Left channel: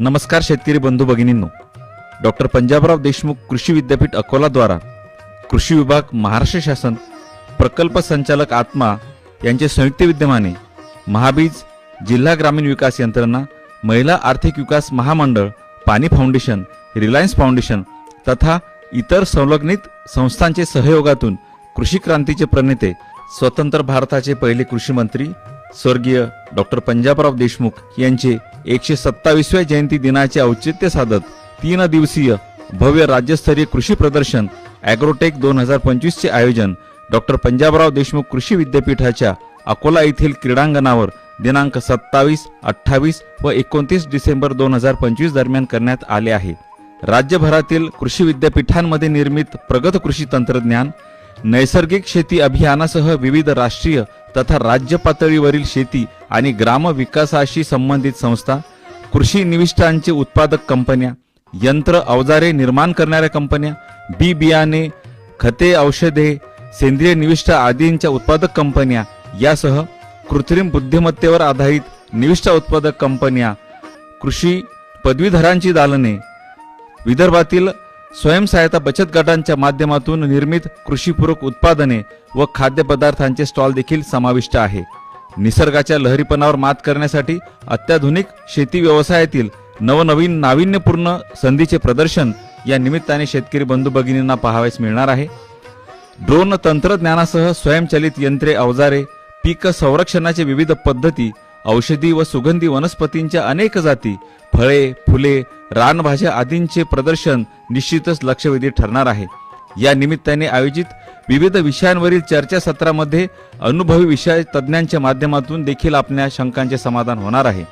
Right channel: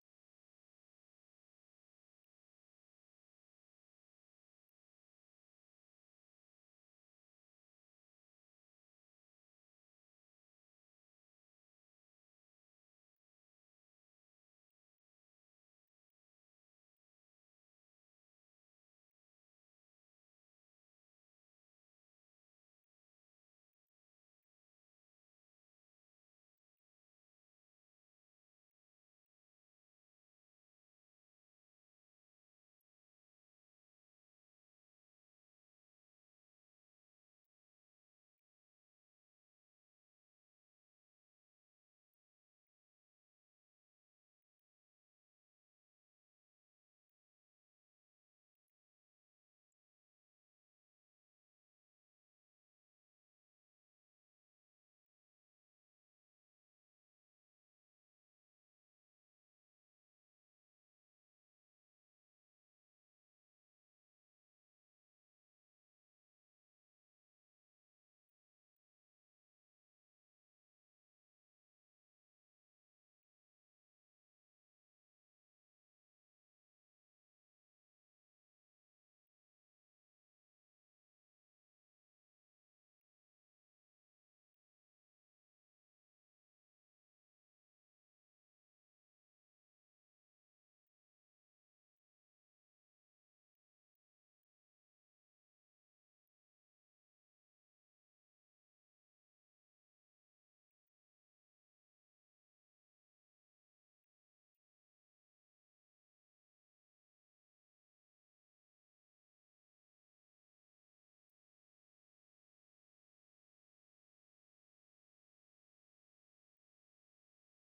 नमस्कार शेतकरी बंधू भगिनींनो, डॉक्टर पंजाबराव देशमुख कृषी विद्यापीठ अकोला द्वारा कृषी विभाग, महाराष्ट्र शासन, प्रकल्प संचालक आत्मा यांचे संयुक्त विद्यमाने महाबीज, जिल्हा ग्रामीण विकास यंत्रणा, महिला आर्थिक विकास महामंडळ, पाणी फाउंडेशन, रिलायन्स फाउंडेशन तथा इतर संलग्नित संस्थांचे सहयोगातून कृषी क्रांतीचे प्रणेते, स्वतंत्र भारताचे पहिले कृषी मंत्री स्वर्गीय डॉक्टर पंजाबराव देशमुख यांचे 127व्या जयंती दिनाचे औचित्य साधत 3 दिवसीय भव्य राज्यस्तरीय कृषी प्रदर्शन ॲग्रोटेक 2025 चे आयोजन डॉक्टर पंजाबराव देशमुख कृषी विद्यापीठाच्या अकोला येथील क्रीडांगणावर दिनांक 27, 28 व 29 डिसेंबर 2025 दरम्यान करण्यात आले आहे। राज्यभरातील कृषी विद्यापीठांमध्ये निर्मित प्रगत कृषी तंत्रज्ञान, नैसर्गिक शेती अभियानासह विविध राष्ट्रीय तथा राज्य पातळीवरील शेती आणि ग्राम विकासाशी संबंधित संस्था, कृषी निविष्ठांचे उत्पादक कंपन्या, यंत्र अवजारे निर्माण करणाऱ्या कंपन्या, बी बियाणे, खते, औषधे, सेंद्रिय निविष्ठा आदींच्या उत्पादक कंपन्या यासह कृत्रिम बुद्धिमत्तेवर आधारित निविष्ठा उत्पादक कंपन्या, कृषी पदवीधरांची दालने, विदर्भातील स्वयंसहायता बचत गटांच्या माध्यमातून निर्मित कृषीपूरक उत्पादने व खाद्यपदार्थांचे स्टॉल देखील समाविष्ट आहे। निसर्गाच्या लहरीपणावर मात करण्यासाठी अत्याधुनिक शेती व्यवसायातील नवनवीन नाविन्यपूर्ण संधीचे प्रदर्शन या निमित्ताने शेतकरी बंधू भगिनींना पाहावयास मिळणार आहे। ड्रोन तंत्रज्ञानासह स्वयंचलित यंत्रे, अवजारे, पीक संरक्षणाचे विविध पद्धती, औषधी व सुगंधी वनस्पतींच्या अनेक जाती, फळे, फुले, रानभाज्या आदींचे प्रदर्शन निश्चितच लक्षवेधी ठरणार आहे। या निमित्ताने आयोजित विविध विषयांवरील चर्चासत्रामध्ये अनुभवी विषय तज्ञांच्या माध्यमातून देखील आपल्या शंकांचे समाधान होणार आहे।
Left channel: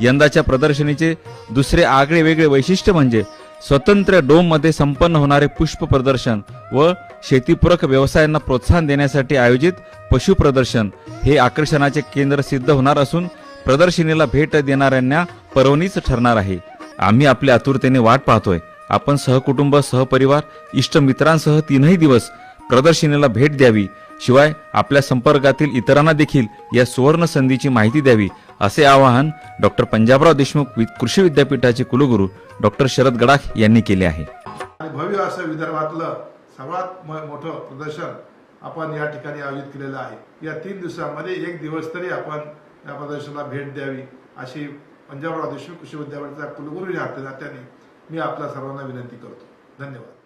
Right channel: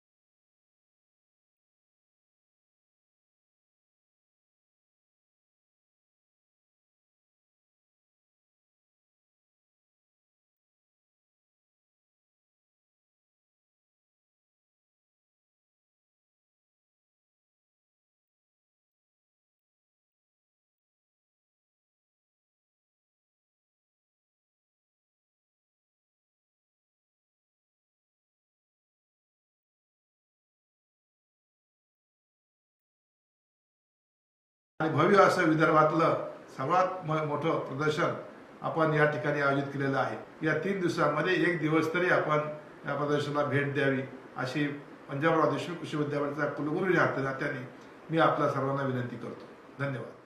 यंदाच्या प्रदर्शनीचे दुसरे आगळे वेगळे वैशिष्ट्य म्हणजे स्वतंत्र डोम मध्ये संपन्न होणारे पुष्प प्रदर्शन व शेतीपूरक व्यवसायांना प्रोत्साहन देण्यासाठी आयोजित पशु प्रदर्शन हे आकर्षणाचे केंद्र सिद्ध होणार असून प्रदर्शनीला भेट देणाऱ्यांना पर्वणीच ठरणार आहे। आम्ही आपल्या आतुरतेने वाट पाहतोय। आपण सहकुटुंब, सहपरिवार, इष्ट मित्रांसह 3 दिवस प्रदर्शनीला भेट द्यावी, शिवाय आपल्या संपर्कातील इतरांना देखील या सुवर्ण संधीची माहिती द्यावी, असे आवाहन डॉक्टर पंजाबराव देशमुख कृषी विद्यापीठाचे कुलगुरू डॉक्टर शरद गडाख यांनी केले आहे। भव्य असं विदर्भातलं सर्वात मोठं प्रदर्शन आपण या ठिकाणी आयोजित केलेलं आहे। या 3 दिवसांमध्ये 1 दिवस तरी आपण या प्रदर्शनाला भेट द्यावी अशी पंजाबराव देशमुख कृषी विद्यापीठाचा कुलगुरू या नात्याने मी आपल्या सर्वांना विनंती करतो। धन्यवाद।